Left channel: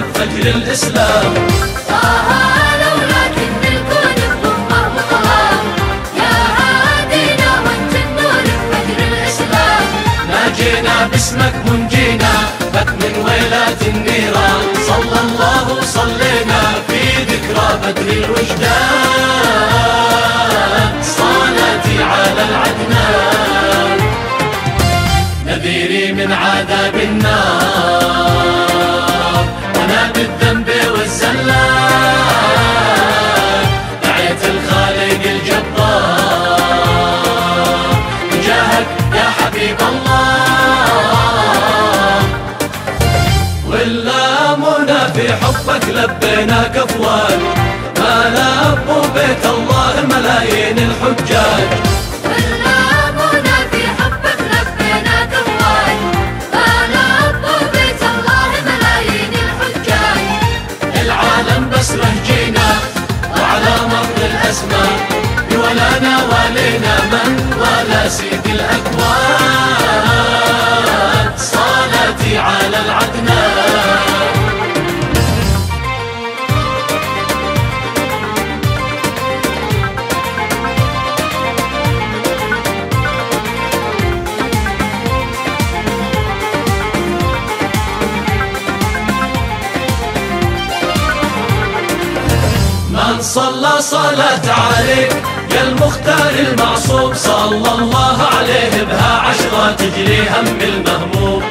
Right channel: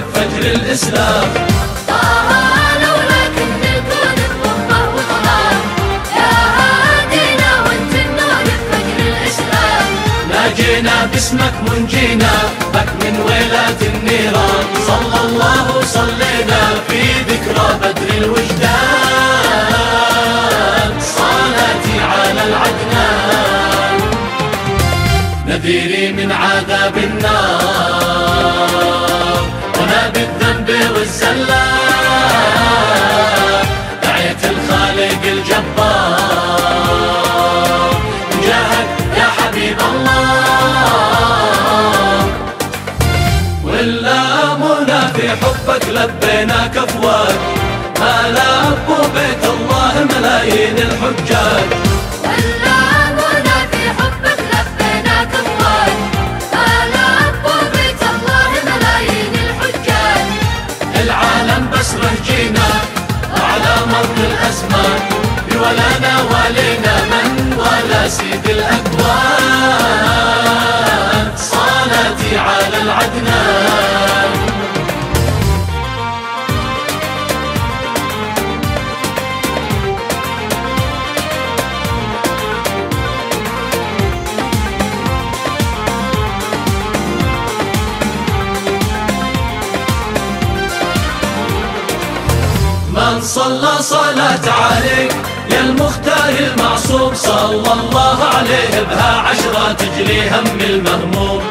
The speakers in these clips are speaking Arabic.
بفجر الإسلام. ناجينا باسمك منجينا بك من ويلات النيران. صلى الله وصلينا في ذكرى بدر الوجدان. صلاتي على العدنان نذيري من عذاب النار. وانا بالذنب والزلات دعيت الخالق الجبار. جاهك يا حبيب الله واللامنا في حبك لبيناك افواج. ما لبوا بيت الله ملايين الحجاج. واللامنا في حبك لبيناك افواج. ما لبوا بيت الله ملايين الحجاج. العالم بس رهجينا وعلى مر الازمان بولانا والينا من ولا سيد الاكوان. صلاتي على العدنان. من صلى صلاة عليك يا المختار المعصوم. صلى الله عليه بها عشرة تجري هم المهموم.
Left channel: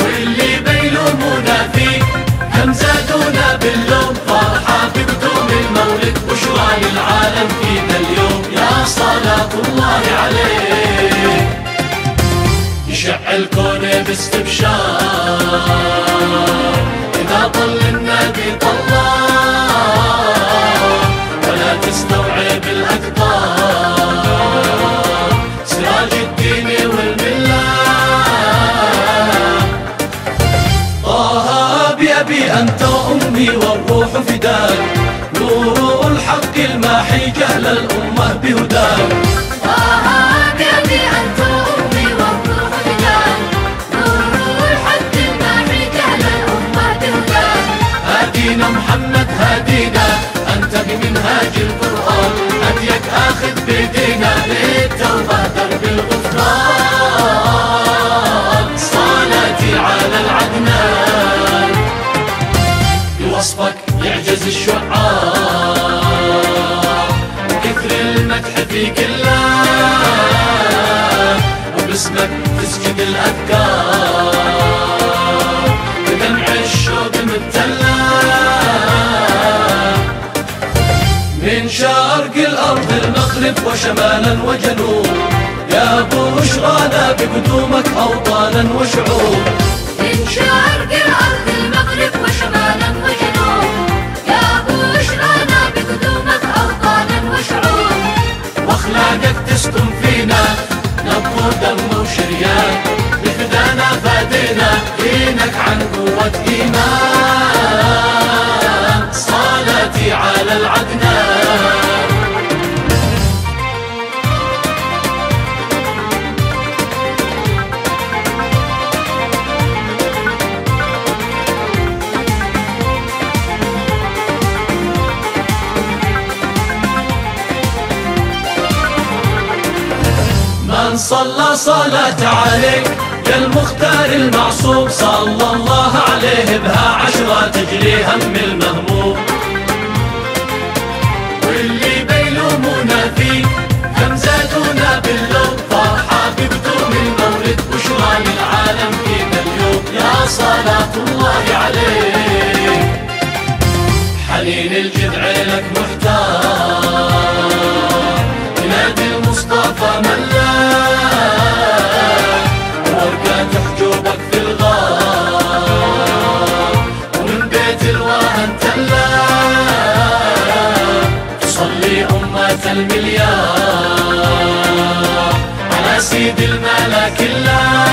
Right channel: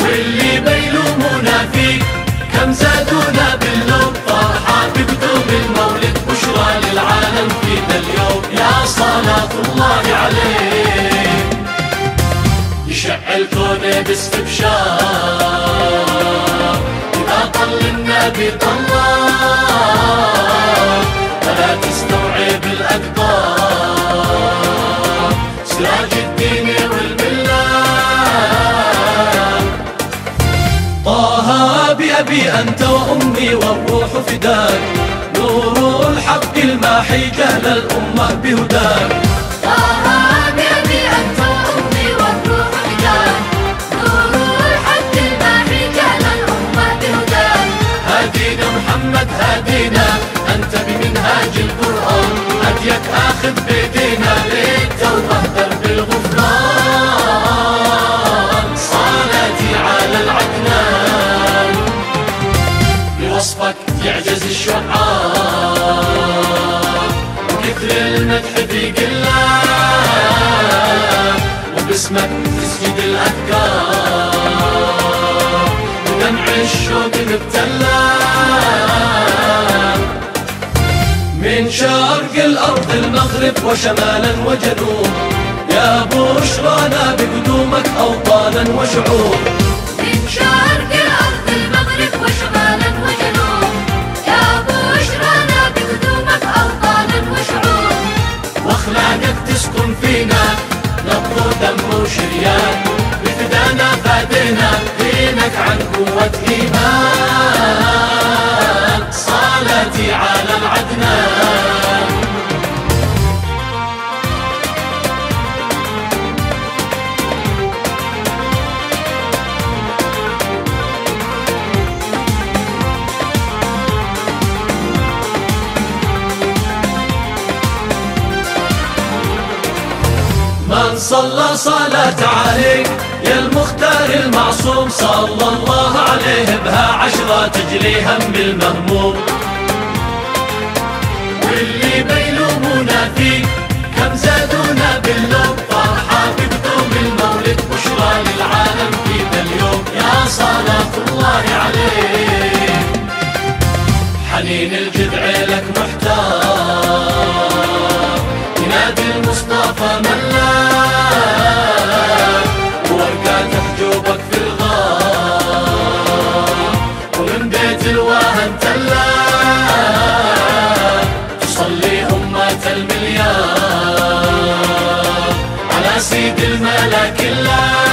واللي بيلومونا فيك كم زادونا باللوم. فرحة بقدوم المولد بشرى للعالم فينا اليوم. يا صلاة الله عليك يشع الكون باستبشار. إذا طل النبي طلال ولا تستوعب الأقدار. سراج الدين والملة طه بأبي أنت وأمي والروح فداك. نور الحق الماحي جهل الأمة بهداك. هادينا محمد هادينا أنت بمنهاج القرآن. هديك آخذ بيدينا للتوبة درب الغفران. صلاتي على العدنان بوصفك يعجز الشعار. وكثر المدح في قلة وباسمك تسجد الأذكار. بدمع الشوق مبتلى من شرق الأرض المغرب وشمالا وجنوب. يا بشرانا بقدومك أوطانا وشعوب. من شرق الأرض المغرب وشمالا وجنوب. يا بشرانا بقدومك أوطانا وشعوب. وأخلاقك تسكن فينا نبض ودم وشريان. بفدانا فادينا دينك عن قوة إيمان. صلاتي على العدنان. من صلى صلاة عليك يا المختار المعصوم. صلى الله عليه بها عشرة تجري هم المهموم. واللي بيلومونا فيك كم زادونا باللوم. فرحة بقدوم المولد بشرى للعالم فينا اليوم. يا صلاة الله عليك حنين الجذع لك محتار. ينادي المصطفى ملا وورقات حجوبك في الغار. ومن بيت الواهن تلا تصلي أمة المليار على سيد الملا كلها.